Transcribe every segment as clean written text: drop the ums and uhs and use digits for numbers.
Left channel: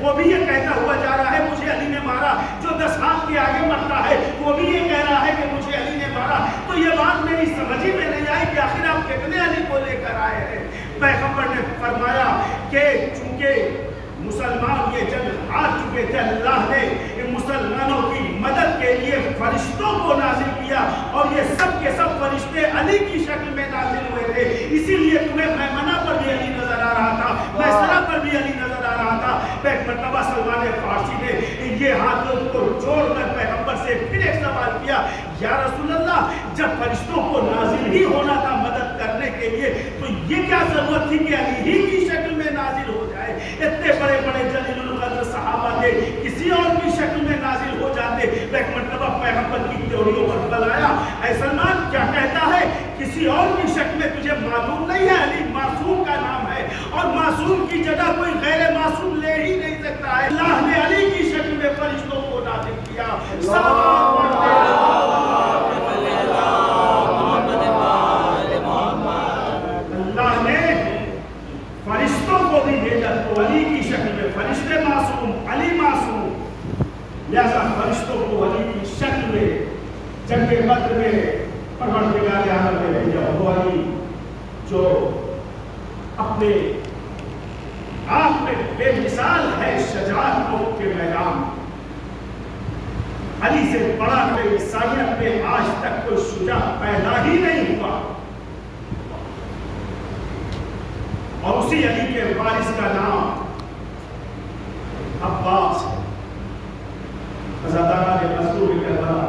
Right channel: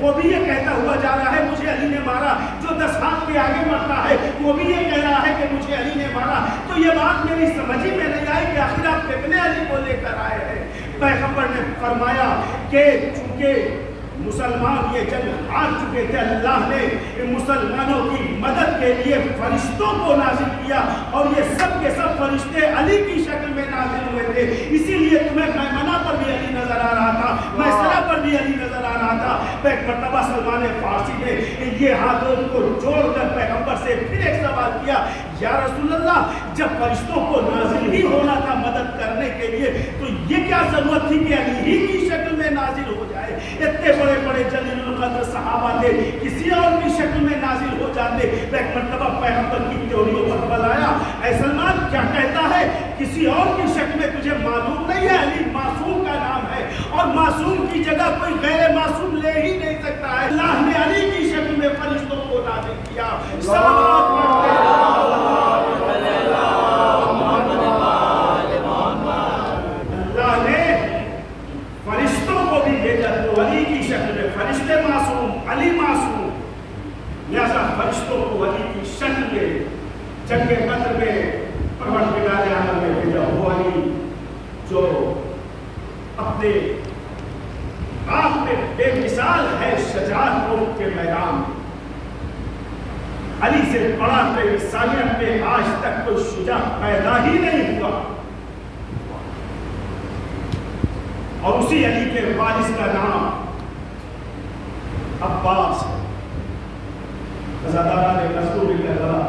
وہ بھی یہ کہتا ہوا جا رہا ہے مجھے علی نے مارا. جو 10 ہاتھ کے آگے مرتا ہے وہ بھی یہ کہہ رہا ہے کہ مجھے علی نے مارا. تو یہ بات میری سمجھ ہی میں نہیں آئی کہ آخر آپ کتنے علی کو لے کر آئے ہیں. پیغمبر نے فرمایا کہ چونکہ مسلمان یہ جنگ ہار چکے تھے, اللہ نے مسلمانوں کی مدد کے لیے فرشتوں کو نازل کیا اور یہ سب کے سب فرشتے علی کی شکل میں نازل ہوئے تھے. اسی لیے تمہیں میمنہ پر بھی علی نظر آ رہا تھا, میسرہ پر بھی علی نظر آ رہا تھا. ایک مرتبہ سلمان فارسی نے یہ ہاتھوں کو جوڑ کر پیغمبر سے پھر ایک سوال کیا, یا رسول اللہ جب فرشتوں کو نازل ہی ہونا تھا مدد کرنے کے لیے تو یہ کیا ضرورت تھی کہ علی ہی کی شکل میں نازل ہو جائے؟ اتنے بڑے بڑے جلیل القدر صحابہ تھے, کسی اور کی شکل میں نازل ہو جاتے. ایک مرتبہ پیغمبر کی تیوریوں پر بلایا, اے سلمان کیا کہتا ہے, کسی اور کی شکل میں تجھے معلوم نہیں ہے؟ علی معصوم کا نام ہے اور معصوم کی جگہ کوئی غیر معصوم لے ہی نہیں سکتا ہے. اللہ نے علی کی شکل میں فرشتوں کو نازل کیا. صلوات پڑھتے اللہ نے فرشتوں کو بھی بھیجا تو علی کی شکل میں. فرشتے معصوم, علی معصوم, لہذا فرشتوں کو علی کی شکل میں جنگ بدر میں پروردگار عالم نے بھیجا. وہ علی جو اپنے آپ میں بے مثال ہے شجاعت کے میدان. علی سے بڑا کوئی انسانیت میں آج تک کوئی شجاع پیدا ہی نہیں ہوا. اور اسی علی کے وارث کا نام عباس. عزاداران مظلوم کربلا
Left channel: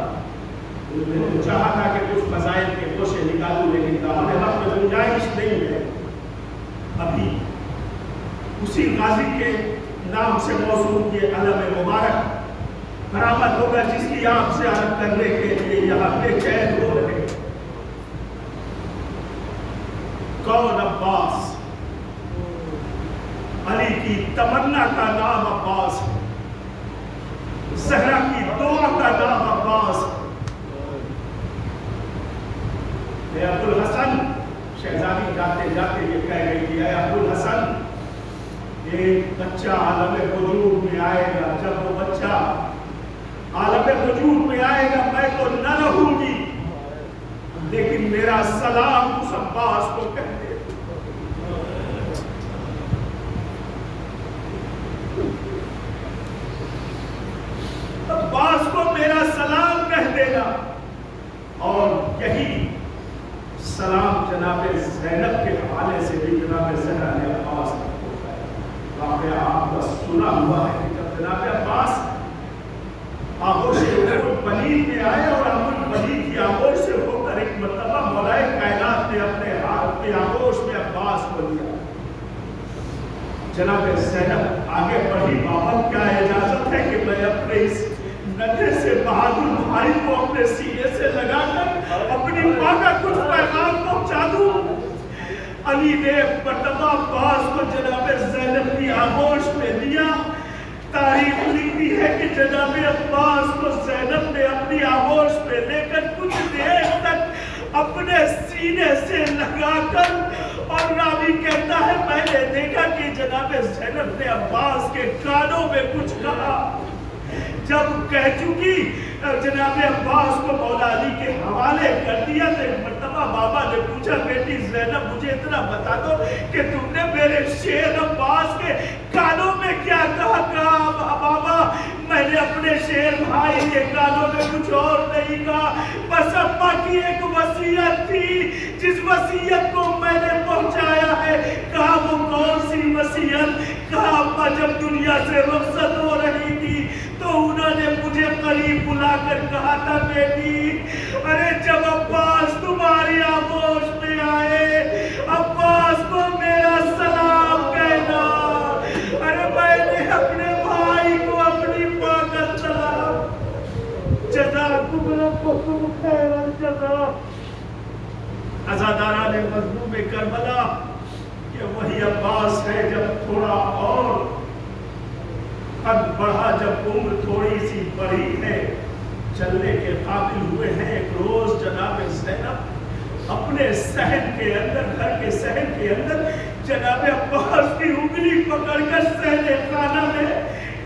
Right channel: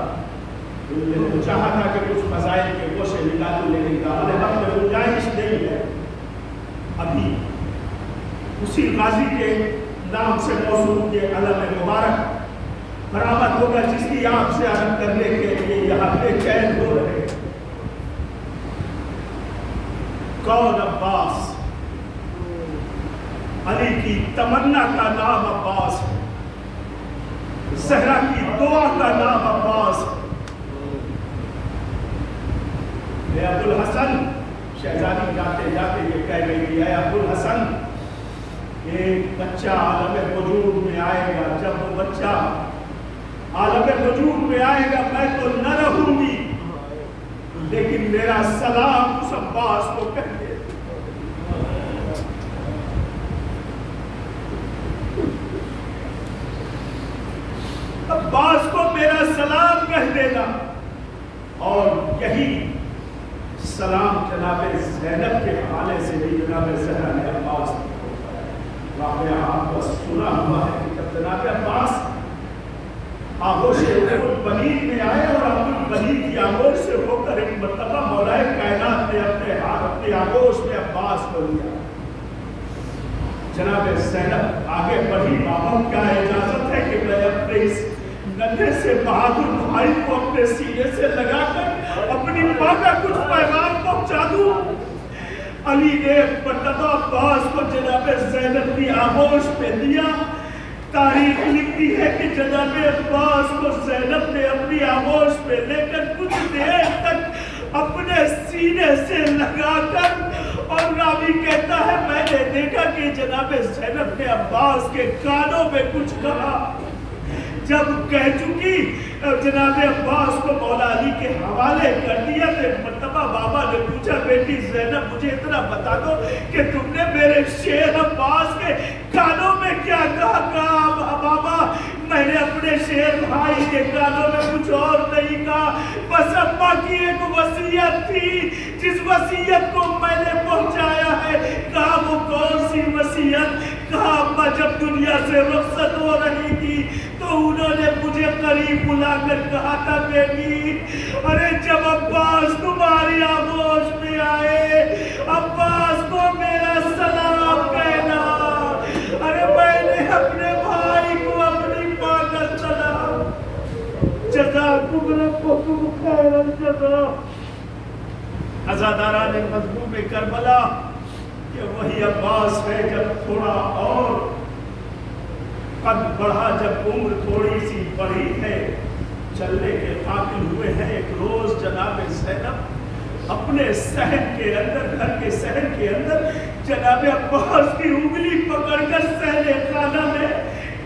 چاہا تھا کہ کچھ فضائل کے گوشے نکالوں, لیکن ہمارے وقت میں گنجائش نہیں ہے. ابھی اسی غازی کے نام سے موصول یہ علم مبارک برآمد ہوگا جس کی آپ سے عرض کرنے کے لیے یہاں بے چین ہو رہے. کون عباس؟ علی کی تمنا کا نام عباس ہے, زہرا کی دعا کا نام عباس ہے. ابو الحسن شہزادی جاتے جاتے یہ کہہ گئی کہ اے ابو الحسن, ایک بچہ عالم وجود میں آئے گا, جب وہ بچہ عالم وجود میں آئے گا میں تو نہ رہوں گی, لیکن میرا سلام اس عباس کو کہہ دے. عباس کو میرا سلام کہہ دینا. اور یہی سلام جناب زینب کے حوالے سے بھی جناب زہرا نے عباس واقعہ آپ کو سنا ہوا ہے کہ جب جناب عباس آغوش بنید میں آئے اور بنید کی آغوش سے ہو کر ایک مرتبہ مولائے کائنات نے اپنے ہاتھ اپنی آغوش میں عباس کو لیا. جناب زینب آگے بڑھی, بابا کیا اجازت ہے کہ میں اپنے اس ننھے سے بہادر بھائی کو اپنے سینے سے لگا کر اپنی ماں کا کچھ پیغام پہنچا دوں؟ علی نے مرتبہ عباس کو جناب زینب کی آغوش میں دیا. تاریخ لکھتی ہے کہ جناب عباس کو زینب نے اپنی آغوش میں لے کر کچھ دیر تک اپنے سینے سے لگا کر, اور راوی کہتا ہے میں نے دیکھا کہ جناب زینب نے عباس کے کانوں میں کچھ کہا. جب کہہ چکی جناب عباس کو مولا علی کے حوالے کر دیا تو ایک مرتبہ بابا نے پوچھا, بیٹی زینب مجھے اتنا بتا دو کہ تم نے میرے شیر عباس کے کانوں میں کیا کہا؟ بابا میں نے اپنے شیر بھائی کے کانوں میں کچھ اور نہیں کہا, بس ابا کی ایک وصیت تھی جس وصیت کو میں نے پہنچایا ہے. کہا وہ کون سی وصیت؟ کہا ابا جب دنیا سے رخصت ہو رہی تھی تو انہوں نے مجھے قریب بلا کر کہا تھا, بیٹی ارے جب عباس تمہاری آغوش میں آئے عباس کو میرا سلام کہنا. ارے میں نے اپنے بھائی کو اپنی ماں کا سلام. جزاکم ربکم خیر الجزا. عزاداران مظلوم کربلا, کہ وہی عباس ہے جب تھوڑا اور قد بڑھا, جب عمر تھوڑی سی بڑھی ہے, چلنے کے قابل ہوئے ہیں. ایک روز جناب زینب اپنے صحن کے اندر, گھر کے صحن کے اندر جناب عباس کی انگلی پکڑ کر صحن خانہ میں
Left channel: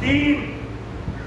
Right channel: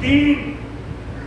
3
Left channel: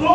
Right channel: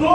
2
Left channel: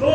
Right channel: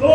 2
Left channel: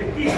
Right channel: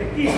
21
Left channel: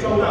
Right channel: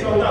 14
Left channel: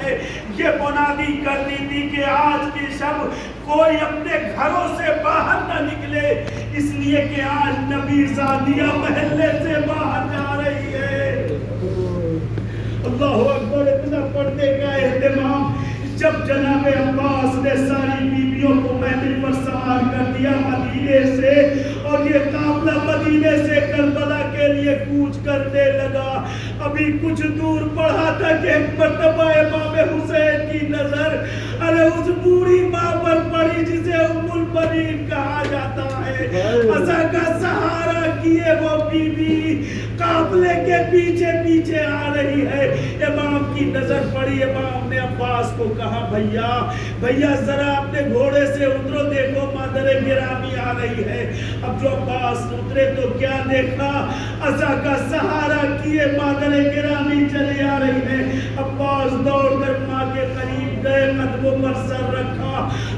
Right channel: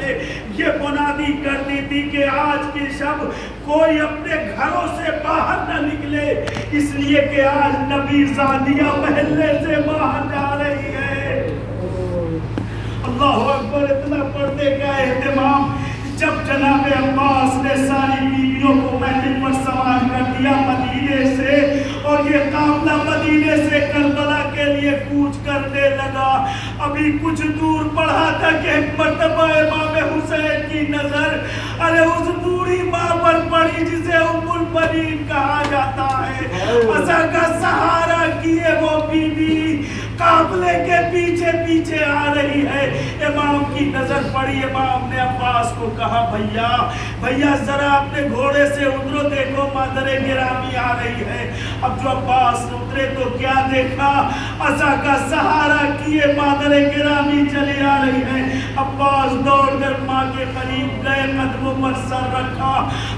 نے یہ بنیادی کر دی تھی کہ آج کی شب کوئی اپنے گھروں سے باہر نہ نکلے، اس لیے کہ آج نبی زادیہ محلے سے باہر جا رہی ہے۔ اللہ اکبر، اتنا پردے کا اہتمام۔ جب جناب عباس نے ساری بیویوں کو محل پر سوار کر دیا مدینے سے، اور یہ قافلہ مدینے سے کربلا کے لیے کوچ کرنے لگا، ابھی کچھ دور پڑھا تھا کہ ایک مرتبہ امام حسین کی نظر اس بوڑھی ماں پر پڑی جسے ام البنین کہا جاتا ہے۔ عصا کا سہارا کیے وہ بی بی قافلے کے پیچھے پیچھے آ رہی ہے، امام کی نظر پڑی۔ امام نے عباس کو کہا بھیا ذرا اپنے گھوڑے سے اترو، دیکھو مادر گرامی آ رہی ہے۔ اب جو عباس اترے تو کیا دیکھا، عصا کا سہارا کیے مادر گرامی چلی آ رہی ہے۔ عباس دوڑ کر ماں کے قریب گئے، قدموں پر سر رکھا۔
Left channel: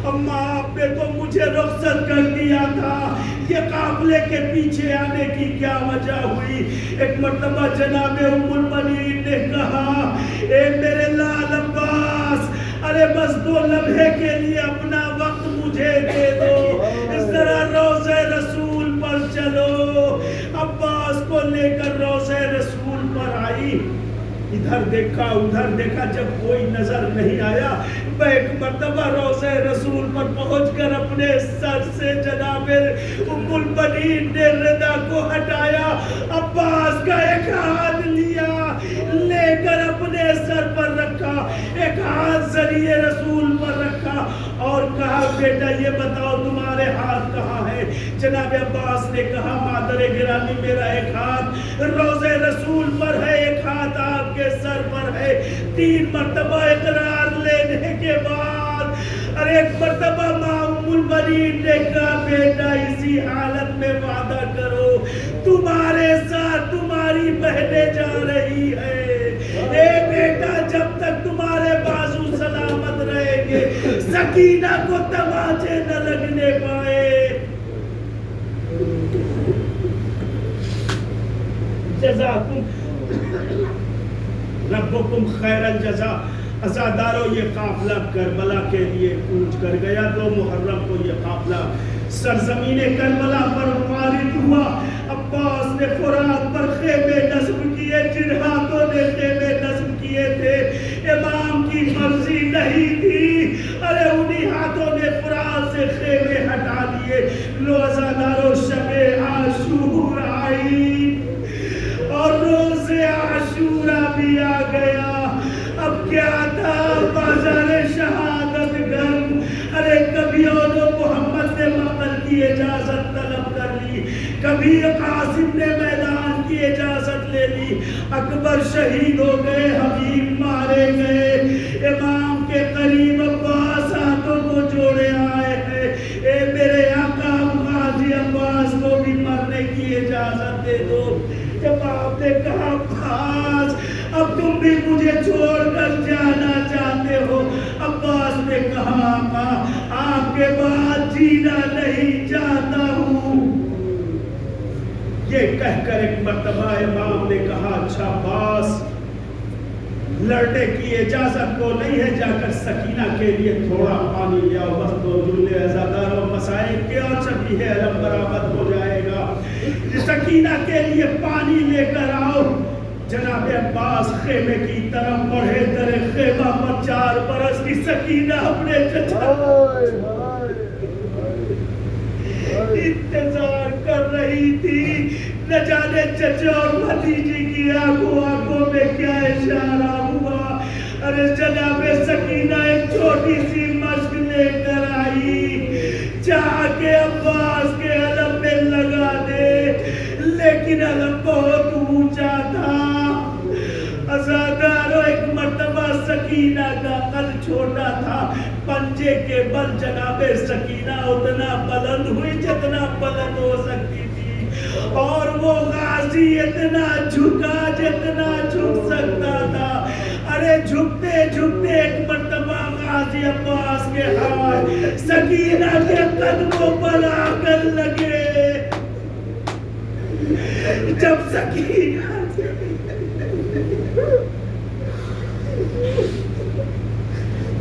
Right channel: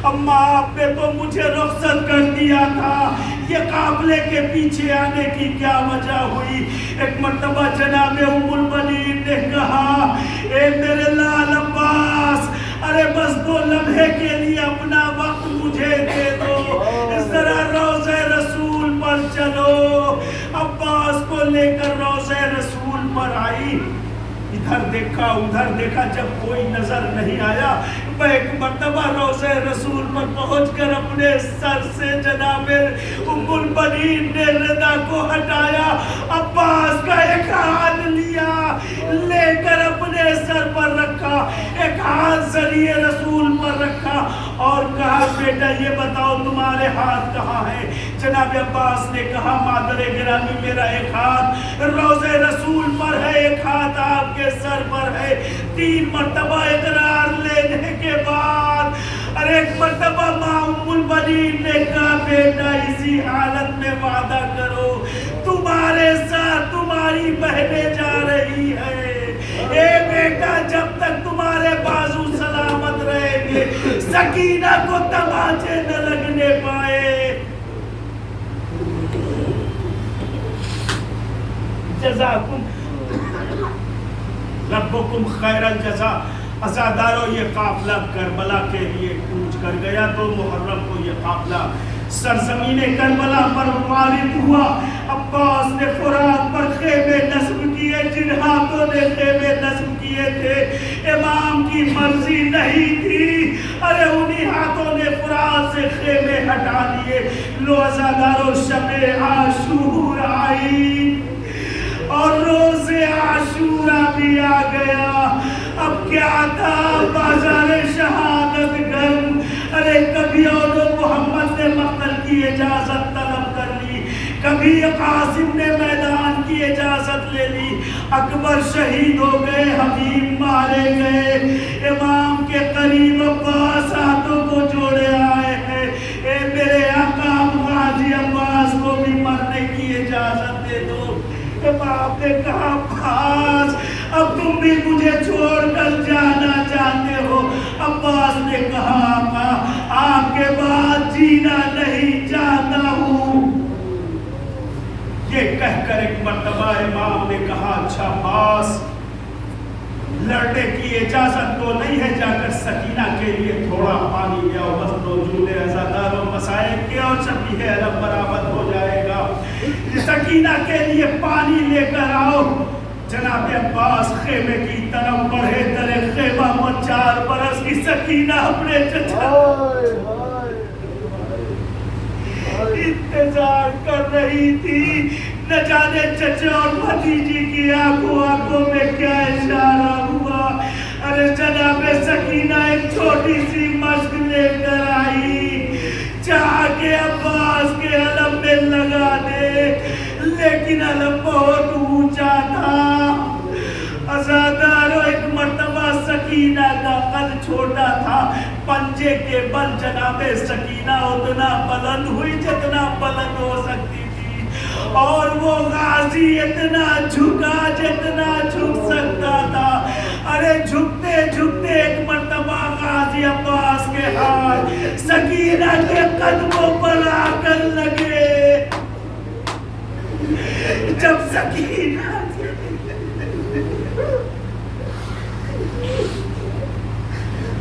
اماں آپ نے تو مجھے رخصت کر دیا تھا، یہ قافلے کے پیچھے آنے کی کیا وجہ ہوئی؟ ایک مرتبہ جناب ام البنین نے کہا، اے میرے لال عباس، بس 2 لمحے کے لیے اپنا وقت مجھے دے دو، ذرا روضہ رسول پر چلو۔ عباس کو لے کر روضہ رسول پر آئی، ادھر دیکھا ادھر دیکھا، جب کوئی نظر نہیں آیا، میں ایک مرتبہ روضہ رسول پر پہنچ کر اپنے سر سے جناب ام البنین نے ردا کو ہٹایا، عباس کا ایک ہاتھ لیا، لے کر اپنے سر پر رکھا، ایک ہاتھ ذریعے رسول پر رکھا اور کہا، بیٹا یہ بتاؤ تمہارے ہاتھ کہاں ہے؟ جناب عباس نے کہا، مادر گرامی میرا ایک ہاتھ روضہ رسول پر ہے، ایک ہاتھ آپ کے سر پر ہے۔ 3 مرتبہ اقرار لینے کے بعد ایک مرتبہ ماں ام البنین نے کہا، بیٹا اسی حالت میں وعدہ کرو تمہارے ساتھ تمہاری بہنیں جا رہی ہے، اے بیٹا جب تک تمہارے بازو سلامت رہیں گے سکینہ کو تماچے نہ لگنے پائے۔ جزاکم ربکم خیر الجزا۔ عزادارو یہ قافلہ کربلا کے لیے کوچ کر گیا تو محرم کو یہ قافلہ سرزمین کربلا پر وارد ہوا۔ عباس نے فرات پر خیمے نصب کیے، جن ہاتھوں نے خیمے نصب کیے تھے امام کی مرضی نہیں تھی، انہی ہاتھوں نے فرات سے خیمے ہٹا لیے۔ لو عزادارو شب عاشور آئی اور روز عاشورہ بھی آ گیا۔ اب کیا تھا، بازار شہادت گرم، کبھی محمد نے مقتل کی اجازت طلب کر لی، کبھی قاسم نے میدان کی اجازت لے لی، اکبر شہید ہو گئے، حبیب مارے گئے، امام کے قریب عباس ہاتھوں کو جوڑے آئے ہیں، اے میرے آقا غازی عباس کو بھی مرنے کی اجازت دے دو۔ امام نے کہا، عباس اب تم بھی مجھے چھوڑ کر جانا چاہتے ہو؟ عباس نے کہا، آقا آپ کے بعد جینا نہیں چاہتا ہوں۔ یہ کہہ کر ایک مرتبہ امام نے کہا، اچھا عباس لڑنے کی اجازت تو نہیں ہے، جا کر سکینہ کے لیے تھوڑا پانی لیا، بس 2 جملے عزاداروں مسائل کے اور شبیہ علم برآمد ہو جائے گا، سکینہ کے لیے پانی لے کر آؤ۔ جناب عباس خیمے کی طرف بڑھے، درے خیمہ پر 4 برس کی سکینہ اپنے چچا انتظار کر رہی تھی، نہ جانے چچا اور بھتیجی کی آنکھوں میں کیا اشارہ ہوا۔ جناب سکینہ ایک چھوٹی سی مشق لے کر آئی، چاہ کے عباس کے علم میں لگا دے، لیکن علم بہت اونچا تھا۔ عزادارو ایک مرتبہ سکینہ کا قد چھوٹا تھا، پنجے کے بل جناب سکینہ اتنا بلند ہوئی جتنا بلند ہو سکتی تھی، اور وہ غازی اتنا جھکا جتنا جھک سکتا تھا۔ جھکتے جھکتے ایک مرتبہ غازی عباس کے ہاتھ سکینہ کے قدموں پر آ کر لگے۔ جب سکینہ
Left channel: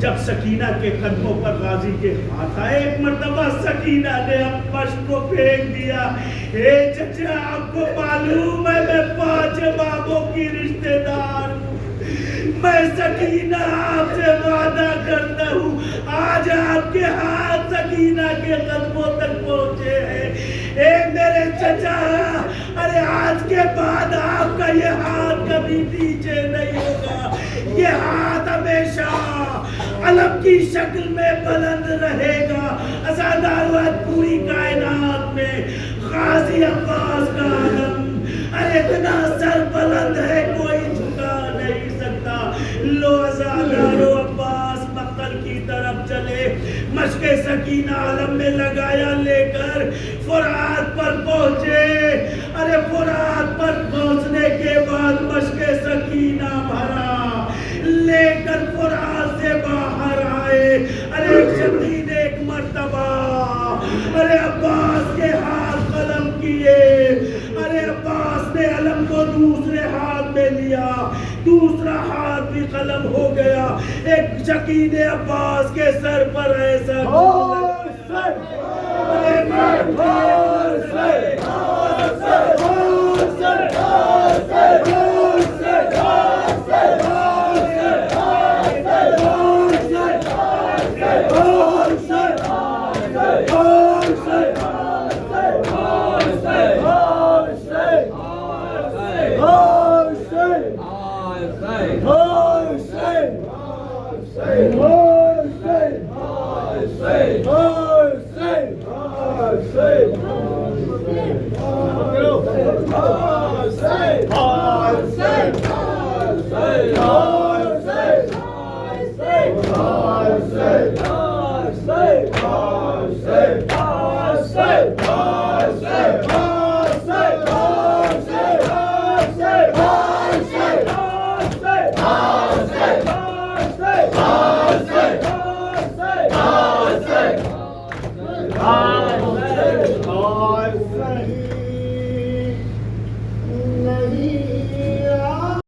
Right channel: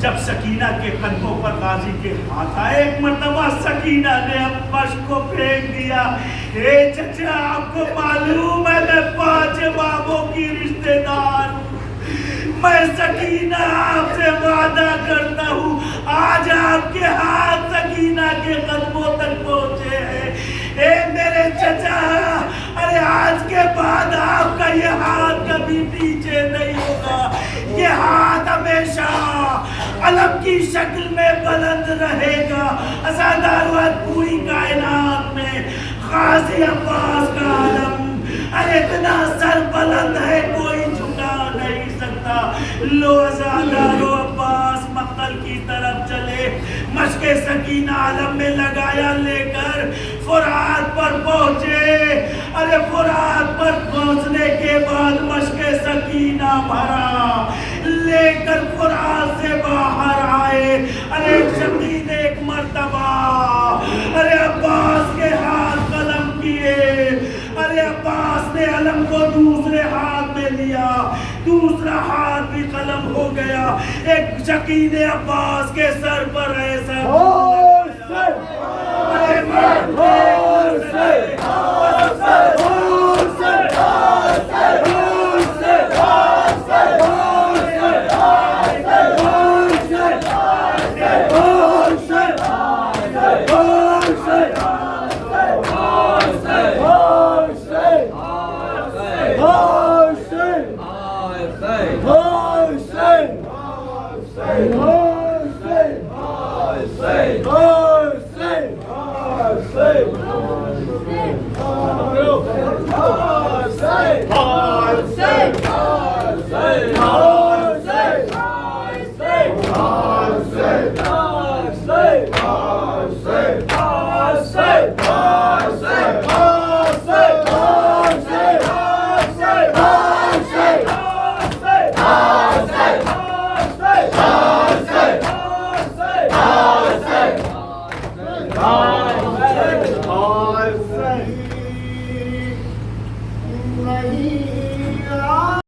جب سکینہ کے قدموں پر غازی کے ہاتھ آئے، ایک مرتبہ سکینہ نے اپش کو پھینک دیا۔ اے چچا، آپ کو معلوم ہے میں 5 بابوں کی رشتہ دار ہوں، میں سکینہ آپ سے وعدہ کرتا ہوں آج آپ کے ہاتھ سکینہ کے قدموں تک پہنچے ہیں۔ اے میرے چچا، ارے آج کے بعد آپ کا یہ ہاتھ کبھی پیچھے نہیں ہوگا، یہ ہاتھ ہمیشہ علم کی شکل میں بلند رہے گا۔ اسادارت پوری کائنات میں غازی عباس کا علم ارے اتنا سر بلند ہے کوئی جھکا نہیں سکتا۔ لو اسادارو عباس مقتل کی طرف چلے، مشق سکینہ علم میں لگایا لے کر فرات پر پہنچے۔ ارے فرات پر پہنچنے کے بعد مشق سکینہ بھرا لے کر فرات سے باہر آئے۔ ارے شقی نے ایک مرتبہ ارے عباس کے ہاتھ قلم کیے، ارے عباس نے علم کو دوسرے ہاتھ میں لیا، دوسرا ہاتھ بھی قلم ہو گیا۔ ایک شقی نے عباس کے سر پر ایسا ارے